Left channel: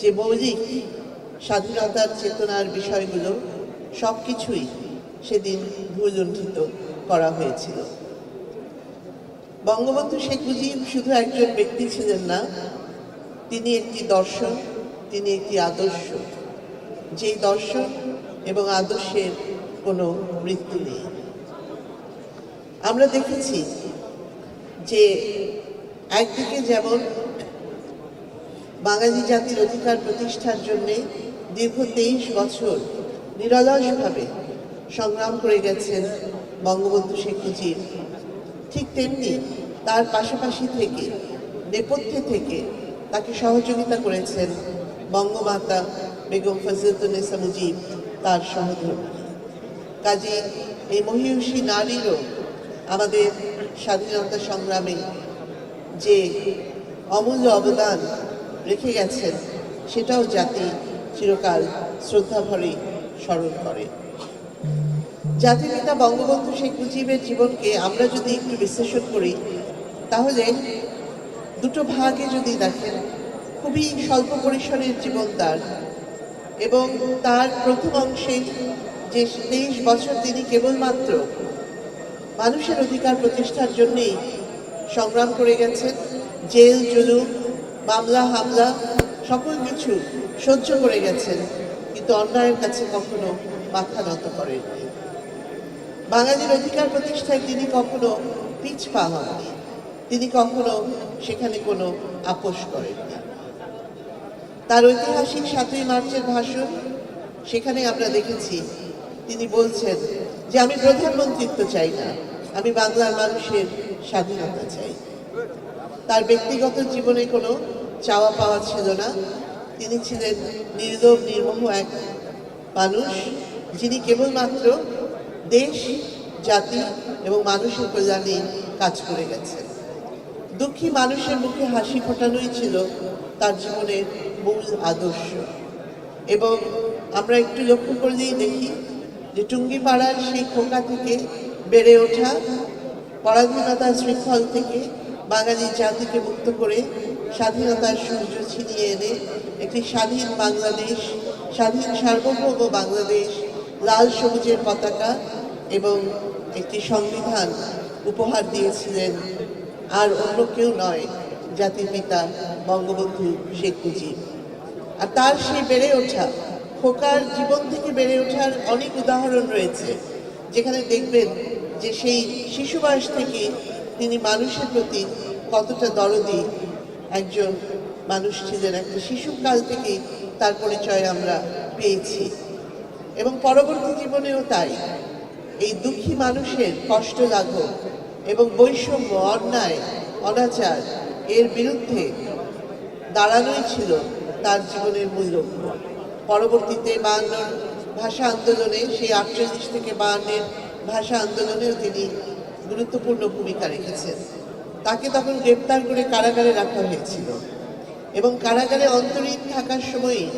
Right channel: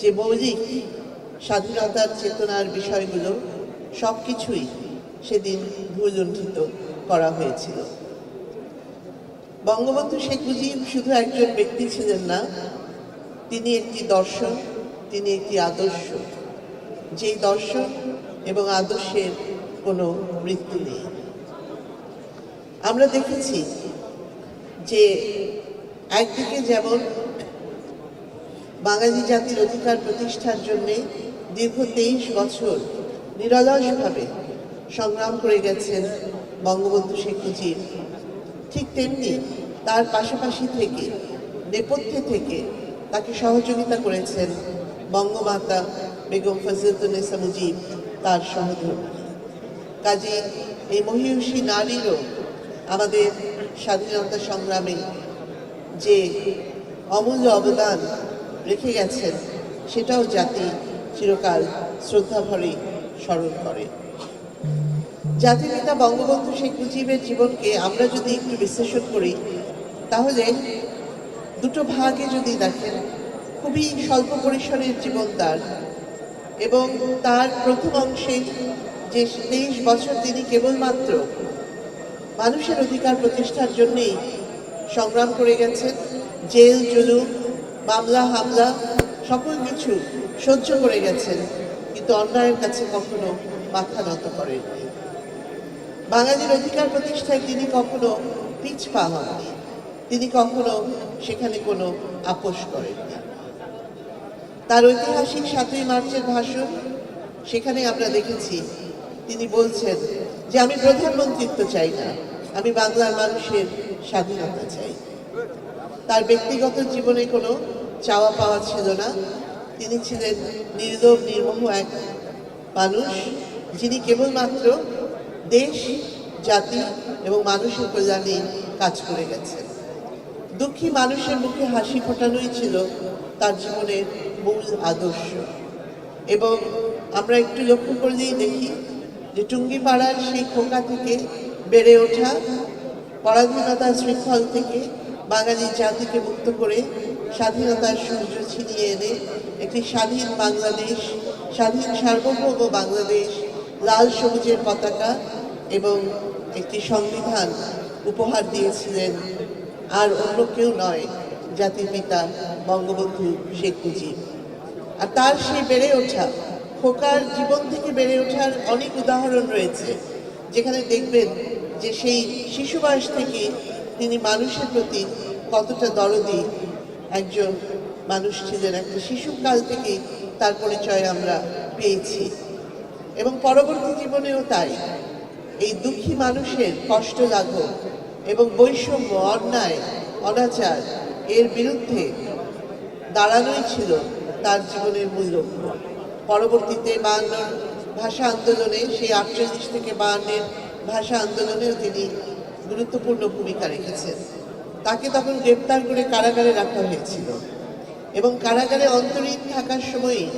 যে মৌলিক স্বাধীনতার চেতনার বিষয়গুলো সব কিছুই সেদিন ভুলুণ্ঠিত করা হয়েছিল। বঙ্গবন্ধু শেখ মুজিব শুধু একজন ব্যক্তি ছিলেন না, তিনি একটি দর্শন, তিনি একটি আদর্শ। যে দর্শন এবং আদর্শের কোনো মৃত্যু নেই। আমরা দেখেছি যে একদিকে যেমন বাঙালি জাতির অধিকার প্রতিষ্ঠার জন্য দীর্ঘ তেইশ বছর নিরলসভাবে সংগ্রাম করে গেছেন বঙ্গবন্ধু শেখ মুজিব। ঠিক তেমনি তার পাশাপাশি থেকে, নেপথ্যে থেকে তাকে সহযোগিতা করেছেন বঙ্গমাতা বেগম ফজলতুন্নেসা মুজিব, তার সহযোগী কাজে এই মহিষী নারীরও আমাদের স্বাধীনতা সংগ্রামে যে অমূল্য অবদান রেখে গেছেন, সেটাও জাতি চিরকাল শ্রদ্ধা ভরে স্মরণ করে। জাতির পিতা বঙ্গবন্ধু শেখ মুজিবের জীবনকে আমরা যদি একটু বিশ্লেষণ করি, তাহলে দুটো ভাগে যদি দেখেন, খুবই স্বল্প পরিসরের জীবন তার এবং তার প্রথম অংশে যে তেইশ বছর তিনি কেবলমাত্র মানুষের অধিকার প্রতিষ্ঠার জন্যেই সংগ্রাম করে গেছেন, জেল জুলুম মামলা, হামলা, সকল কিছু সহ্য করে গেছেন, কিন্তু অন্যায়ের কাছে কখনো মাথা নত করেননি। বাঙালির অধিকার প্রতিষ্ঠায় তিনি কখনো পিছপা হননি। তিনি কখনো সেখানে কোনো আপোষ করেননি। তার ঐতিহাসিক সাতই মার্চের ভাষণ, সেখানে আমরা দেখেছি তিনি বলছেন যে, আমি প্রধানমন্ত্রিত্ব চাই না, আমি বাংলার মানুষের স্বাধীনতা চাই। তার ব্যক্তিগত জীবনে কোনো চাওয়া পাওয়া ছিল না। তিনি ছিলেন নির্লোভ নির্মোহ এক মানুষ যিনি কেবলমাত্র দেশ, জাতি এবং মানুষের কল্যাণে কাজ করে গেছেন। দুঃখী মানুষের মুখে হাসি ফোটানোই ছিল তার জীবনের মূল আদর্শ। এবং আমরা একটু লক্ষ্য করলেই দেখি যে টুঙ্গিপাড়ার সেই খোকা থেকে বেড়ে ওঠা পরাধীনতার শৃঙ্খল থেকে বাঙালি জাতিকে মুক্ত করে স্বাধীনতার সূর্য ছিনিয়ে এনে একটি স্বাধীন বাংলাদেশ, স্বাধীন সার্বভৌম বাংলাদেশ, লাল সবুজের পতাকা এবং একটি সংবিধান উপহার দিয়েছিলেন। আর অন্য কেউ নয়, জাতির পিতা বঙ্গবন্ধু শেখ মুজিব। আর তার সে বেড়ে ওঠা, খোকার জীবন থেকে বেড়ে ওঠার অনেক উদাহরণ রয়েছে। যেখানে দেখবেন যে সেই শিশু বয়স থেকে তিনি মানুষের প্রতি কতটা দরদি একজন মানুষ ছিলেন, একটা শিশুকাল থেকেই তার পরিচয় আমরা পেয়েছি। এবং পরবর্তী জীবনেও তাই। এই দুঃখী মানুষের কষ্ট লাঘব এবং বৈষম্য, অন্যায়, অনাচার এর বিরুদ্ধে দাঁড়ানোই ছিল তার জীবনের মূল লক্ষ্য। পরবর্তীতে বায়ান্নর ভাষা আন্দোলনে, সেই আটচল্লিশ থেকে বায়ান্নের ভাষা আন্দোলনেও তিনি গুরুত্বপূর্ণ ভূমিকা রেখেছেন। তাকে তখন গ্রেপ্তার করে কারাগারে রাখা হয়েছিল এবং কারাগারে অন্তরীণ থাকার সময়ই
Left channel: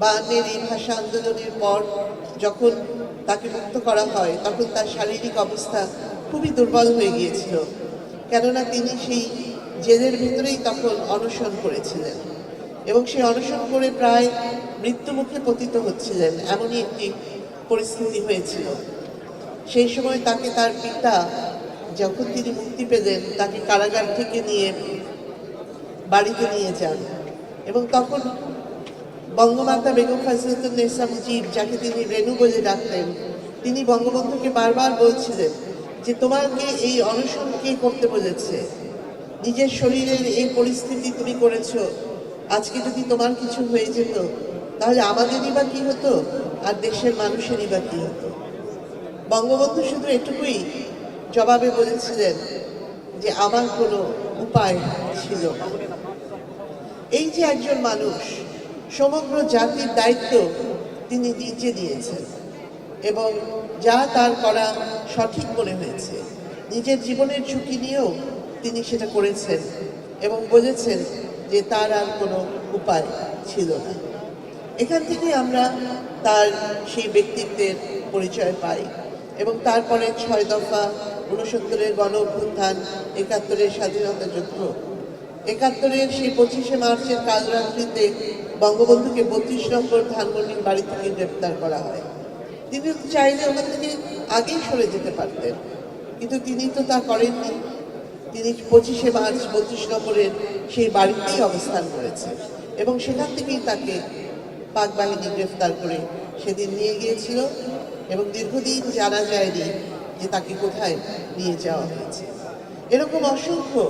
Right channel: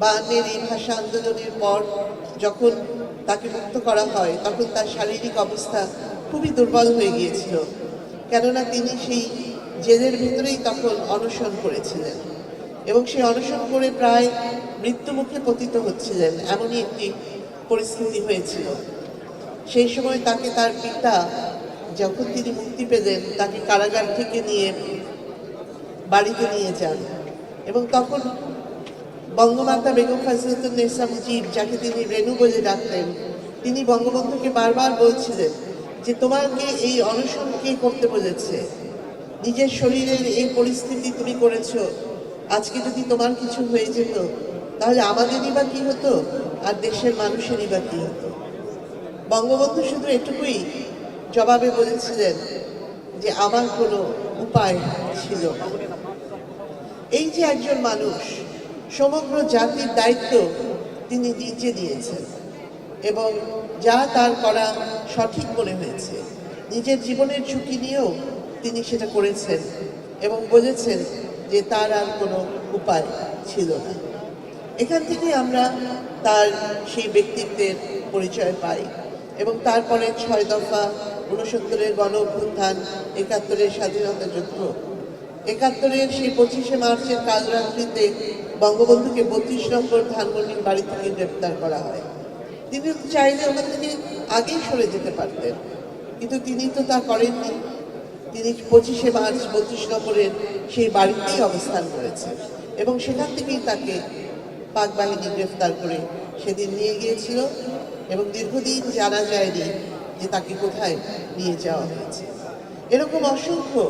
বায়ান্নের এই ভাষা আন্দোলনের পর যখন তাকে মুক্ত করা হয়, তখন তার শারীরিক অবস্থা খুবই দুর্বল হয়ে গিয়েছিল। কেননা তিনি সেই জেলের ভিতরেই তখন অনশন করেছিলেন এবং সেই অনশন করে প্রায় মৃত্যুমুখে পতিত হচ্ছিলেন, এমনই একটি পরিস্থিতি হয়েছিল। সেই সময় তাকে তার পিতা, যখন তিনি মুক্তি পেলেন, তাকে কারাগার থেকে নিয়ে বাড়িতে নিয়ে যান। এবং তখন বঙ্গমাতা বেগম ফজলতুন্নেসা মুজিব যাকে তিনি রেণু বলে ডাকতেন, তিনি বঙ্গবন্ধুকে বারবার বলছিলেন যে, তোমাকে এই অনশন কে করতে বলেছে? নিজের শরীরের এই পরিস্থিতি তুমি করেছ। আজকে যদি তোমার কিছু হয়ে যেত, তাহলে আমাদেরই বা কি হতো? আর দেশের মানুষেরই বা কি হতো? বঙ্গবন্ধু শুধু এটুকুই জবাবে বলেছিলেন যে আমার কোনো উপায় ছিল এই যে একজন মানুষ, সমগ্র জাতির দায়িত্ব তিনি নিজে দিয়েছেন এবং যা তার করা সঠিক মনে হয়েছে, নিজের জীবনের ঝুঁকি নিয়েও তিনি সেটা করেছেন এবং বলেছেন যে তার আর কোনো উপায় ছিল না। এখান থেকে আমরা তার সেই ব্যক্তিত্বের পরিচয় পাই। এবং তারপরে ছয় দফা ঊনসত্তরের গণ অভ্যুত্থান একাত্তরের স্বাধীনতা যুদ্ধ। একাত্তরের সেই পঁচিশে মার্চের কাল রাত্রিতে বঙ্গবন্ধুকে বত্রিশ নম্বর ধানমন্ডির বাড়ি থেকে গ্রেপ্তার করা হয়। তিনি চাইলে ওখান থেকে আগেই সরে যেতে পারতেন, কিন্তু তিনি তো তা করেননি। তিনি পঁচিশে মার্চ বত্রিশ নম্বরের সেই বাড়িতেই অবস্থান করেছেন এবং সেখান থেকেই তাকে পাক বাহিনী গ্রেফতার করে সেদিন নিয়ে গিয়েছিল। এবং দীর্ঘদিন জানা যায়নি যে তাকে কোথায় নিয়ে যাওয়া হয়েছে। এরকম অসংখ্য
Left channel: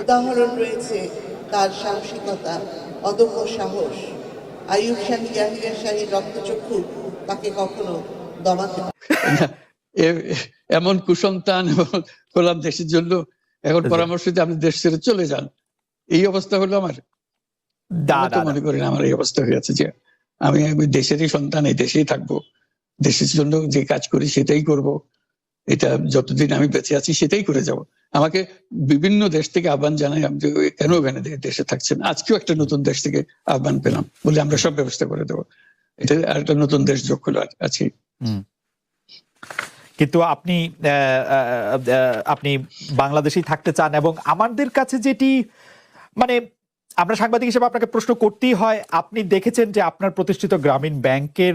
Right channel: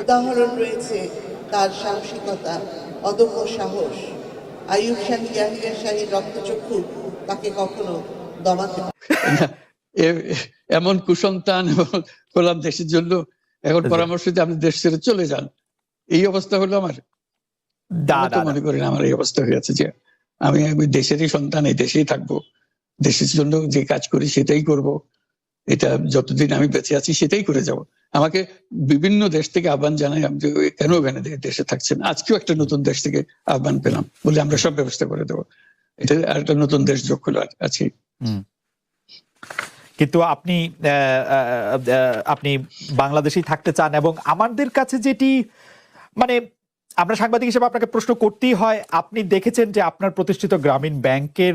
উদাহরণ রয়েছে তার সাহসিকতা অদম্য সাহস। আইয়ুব শাহী ইয়াহিয়া শাহীর রক্তচক্ষু তাকে কখনো দমাতে এ- এমন কুসন্তান করলাম দেশের জন্য এখন পরামর্শ দিয়ে আপনি দেশ ছেড়ে চলে যান। এই অবস্থা হলো আমার। মনে করেন আমার এই অবস্থা হয়ে হয়েছে যে আমি আমি দেশেরই সন্তান এই দেশেই থাকব। দেশের জন্য যে কাজ করি সেটাই করব। এটা যতদিন আমি বেঁচে আছি সেটাই করে যাব। আমাকে বিভিন্ন দেশ থেকে আহ্বান জানাই আমি যে, "ওই কেন ওখানে দেশে থাকছেন? আজকেও একটা নতুন দেশ থেকে আহ্বান পেলাম বলে আমরা সব ব্যবস্থা করে দেবো। এটা আর একটা নতুন দেশ যোগ হলো আছে। কিন্তু আপনি আপনি বাংলাদেশেই থাকতে চান এবং আমাদের কাছে যেটি মানে আমরা সাংবাদিক হিসেবে আপনাকে প্রশ্ন করতেই হয় আপনি দেখেছেন যে আপনার প্রতিষ্ঠিত গ্রামীণ ব্যাংকের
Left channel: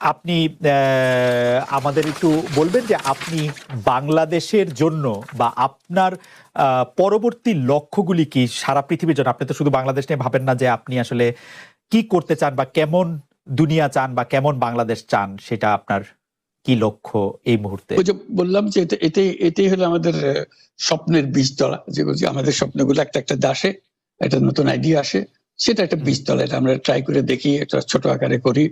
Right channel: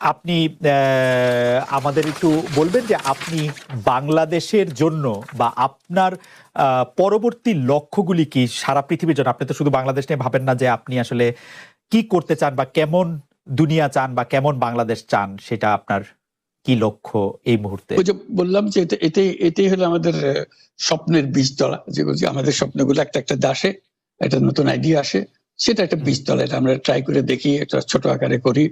আপনি আমাদের একটু বলবেন যে আপনি বাংলাদেশের জন্য আপনার পরবর্তী লক্ষ্যগুলি কি সারা পৃথিবীর জন্য? আপনি তো শুধু বাংলাদেশ নিয়ে ভাবেন না যে আপনি আসলে কি করতে চান বা কেমন দুনিয়া চান বা কেমন বাংলাদেশ চান সেটা আপনার কি লক্ষ্য এই মুহূর্তে? ওই যে বললাম যে এটা এটাই হলো আমাদের স্বপ্নের বীজতলা যে বলছি আমাদের স্বপ্নগুলো একটা একটা দাসে একটা নতুন আইডিয়া আসে। একটা আমরা ট্রাই করে দেখি ছোট আকারে করি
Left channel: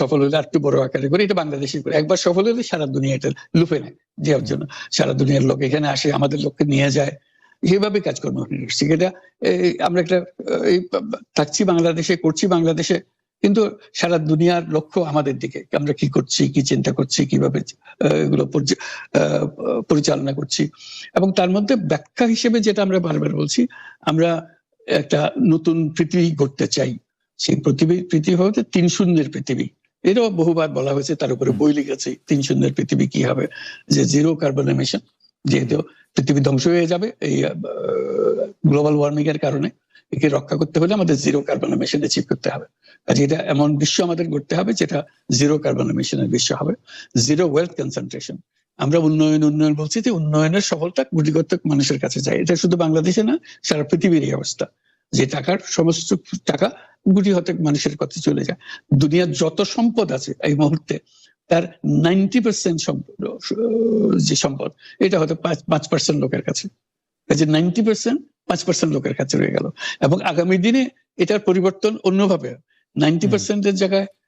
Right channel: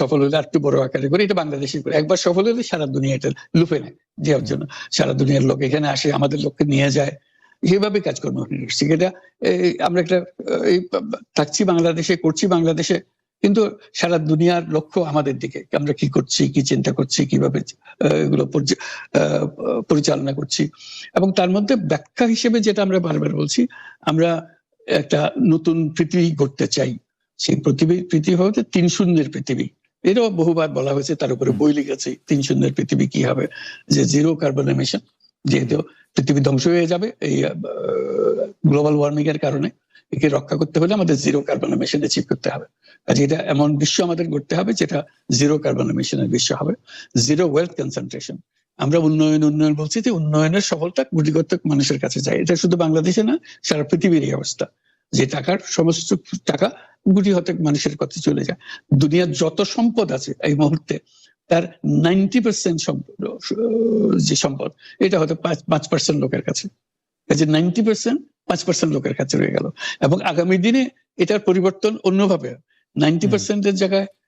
সফল হলে বড় আকারে করি, এটা বাংলাদেশে করে। একবার সফল হলে সারা দুনিয়া এটা লুপে নেয় দেওয়ার জন্য। সারা দুনিয়ার লোক এখানে আসে, আমাদের লোককে নিয়ে যায়। সেভাবে কাজকর্ম করছি এটা? আমরা একটা থাকছি বাংলাদেশে, করছি বাংলাদেশে, কিন্তু সারা দুনিয়ার লক্ষ্য আমাদের দিকে। আমরা কি করছি, কি চিন্তা করছি, কীভাবে এগুলো পরিচালনা করছি। এবং তার মধ্যে ডাক্তার হিসেবে যেটা আমরা বারবার বলছি, আমরা একটা নতুন পৃথিবী গড়তে চাই। সেই পৃথিবী পৃথিবী হচ্ছে তিন শূন্যের পৃথিবী এটাও বহুবার বলা হয়েছে, তার উপরে বই লিখেছে, তিন শূন্যের পৃথিবী কি হবে? যে জিরো কার্বন এমিশন যেহেতু পৃথিবী ধ্বংস হয়ে যাবে, এই গ্লোবাল ওয়ার্মিং এর কারণে, একে রক্ষা করতে হলে আমাদের জিরো কার্বন এমিশন অ্যাচিভ করতে হবে। কাজে এটা এমন বিশ্ব আমাদের করতে হবে, যেটা জিরো কার্বন এমিশনের বিশ্ব হবে। জিরো ওয়েলথ কনসেন্ট্রেশন আমরা উন্নয়ন উন্নয়ন বলছি যে উন্নয়নের সফলতা কোটিকর্তা মানুষের কাছে যায়। এটা শুধু বাংলাদেশে না সারা পৃথিবীর এই অবস্থা। যে টাকার সমস্ত টাকা গুটি হতে মানুষের কাছে চলে যায়। দুনিয়ার যত সম্পদ আছে এই মুহূর্তে তার নাইনটি পার্সেন্ট সম্পদ যে সম্পদ এটা হয়তো পাঁচ পাঁচ পার্সেন্ট লোকের কাছে। কাজে নাইনটি পার্সেন্ট পাঁচ পার্সেন্ট লোকের কাছে রয়ে গেল। এবং আগামী দিনে এটার পরিবর্তন অন্যভাবে নাইনটি পার্সেন্টের জায়গায়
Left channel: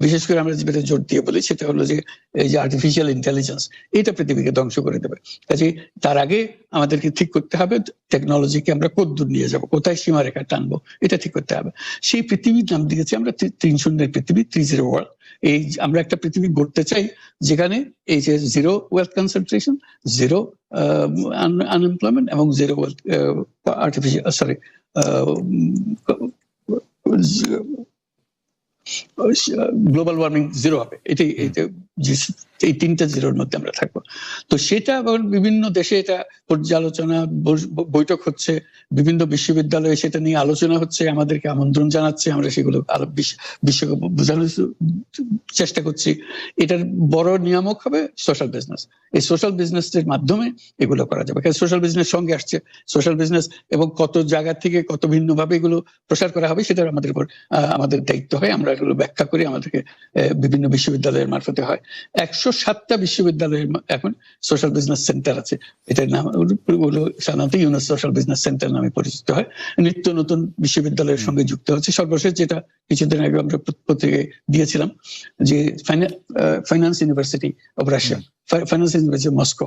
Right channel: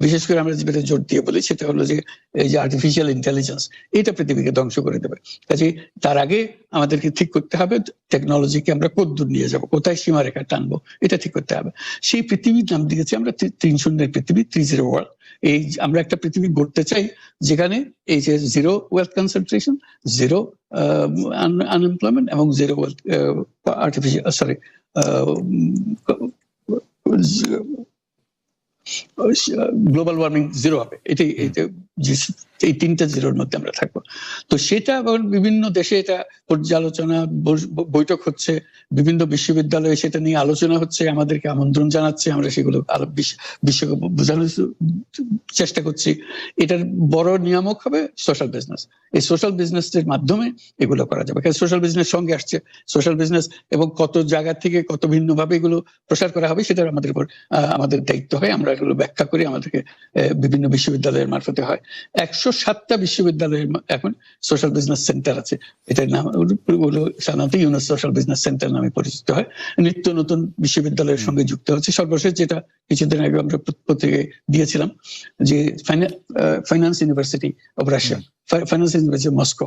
বিশেষ করে আমরা যেটা জোর দিয়ে বলি সেটা হলো যে এই যে আর্টিফিশিয়াল ইন্টেলিজেন্স এটা পৃথিবীকে ধ্বংস করে দেবে। কাজে তার আগে আমাদেরকে ঠিক করতে হবে টেকনোলজিকে আমরা কদ্দূর নিয়ে যাব, কোথায় সীমারেখা টানবো, এটা ঠিক করতে হবে। সেই পৃথিবী নাম দিয়েছি আমরা তিন সুন্দর পৃথিবী থ্রি জিরো ওয়ান এই আমরা একটা পৃথিবী গড়তে চাই যেখানে এই যে zero wealth concentration zero unemployment এবং zero artificial sorry global warming zero হবে। এটাই এই তিনটা জিরো নিয়ে আমরা থাকব তো সেটা বিভিন্ন দেশে এটা পর্যালোচনা বৈঠক হচ্ছে, বিভিন্ন বিশ্ববিদ্যালয়ে সেটা নিয়ে আলোচনা হচ্ছে, আমাদেরকে আমন্ত্রণ জানাচ্ছে, আমরা সেগুলো বোঝানোর চেষ্টা করছি। এটার বড় নিয়ামক হবে সোশ্যাল বিজনেস এই সোশ্যাল মাধ্যমে এগুলো করা যাবে। সোশ্যাল বিজনেস সঙ্গে আসছে। সোশ্যাল বিজনেস এবং কত জায়গা থেকে কত ভিন্ন ভাবে এগুলো প্রসার করা হবে সেটা আমাদের উপর আমাদের দায়িত্ব হয়। আমরা এগুলো ব্যাখ্যা করি, আমাদেরকে বিভিন্ন বিশ্ববিদ্যালয়ের মারফতে হয়। একশো সাতটা বিশ্ববিদ্যালয়ের এখন সোশ্যাল বিজনেস সেন্টার আছে। এটার নাম হলো সাধারণত ইউনেস সোশ্যাল বিজনেস সেন্টার নামে পরিচিত হয়। নিত্য নতুন বিশ্ববিদ্যালয়ের সঙ্গে যুক্ত হচ্ছে। সর্বশেষ যেটা কিছুদিন আগে আমরা প্র- পত্রিকায় দিয়েছিলাম যে finance university of Russia finance university Moscow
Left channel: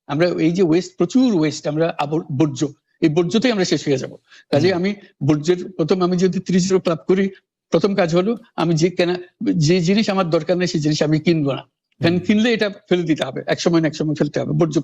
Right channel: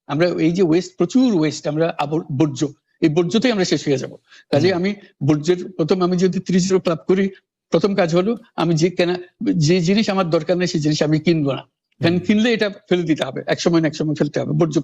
আমরা এই যে ওয়েস্ট প্রচুর ওয়েস্ট আমরা আবর- বর্জ্য এই বর্জ্যতেই আমরা শেষ হয়ে যাব। কাজে আমি বর্জ্যের প্রথম আমি যদি ত্রিশ লাভ করি প্রথম কাজ হলো আমি যে কেনা যে জিনিস আমার দরকার নেই সেই জিনিস আমি কিনবো না। কারণ কিনলে এটা ফেলে দিতে হবে এক সময় না এক সময় ফেলতে হবে বর্জ্য